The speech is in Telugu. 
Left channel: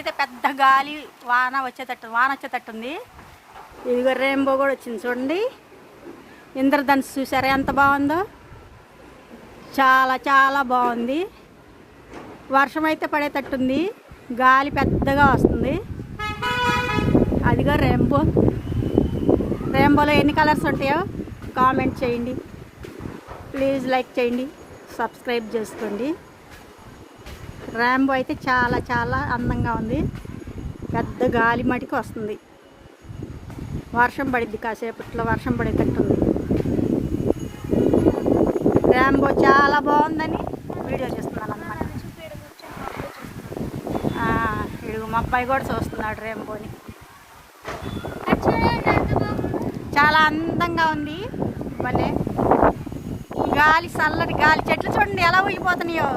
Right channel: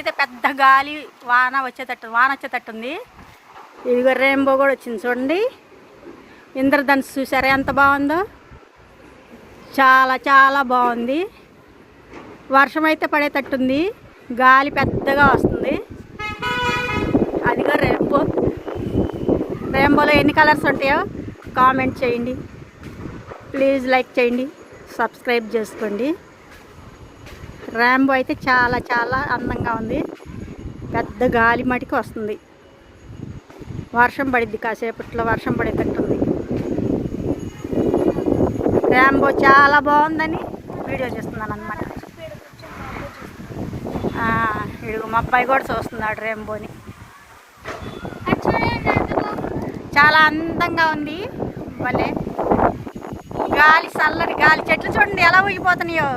ఇక్కడైతే పెద్ద గాలి వాన వచ్చేటట్టుంది. ఇదిగో రెయిన్బో కూడా వచ్చింది చూడండి. ఇంద్రధనుస్సు చూసారా ఎంత బాగుందో, చాలా చాలా బాగుంది. వర్షం అయితే పడేటట్టుంది, గాలి పెద్దగా వస్తుంది. అదిగో రెయిన్బోలో ఎన్ని కలర్స్ ఉంటాయో కామెంట్ చేయండి. ప్లీజ్ లైక్ చేయండి, సబ్స్క్రైబ్ చేసుకోండి. రెయిన్బో అయితే చాలా చాలా అందంగా ఉంది. పెద్ద గాలి మటుకు వస్తుంది. వర్షం పడిద్ది, కాసేపట్లో వర్షం పడేటట్టుంది. రెయిన్బో చాలా బాగుందని వీడియో చేస్తున్నాను అన్నమాట. ఇడుగు మా అబ్బాయి కూడా చూస్తున్నాడు రెయిన్బోని. చాలా అందంగా ఉంది. భలే గాలి, చల్లటి గాలి, చెట్లు చూడండి ఎలా ఊగిపోతున్నాయో.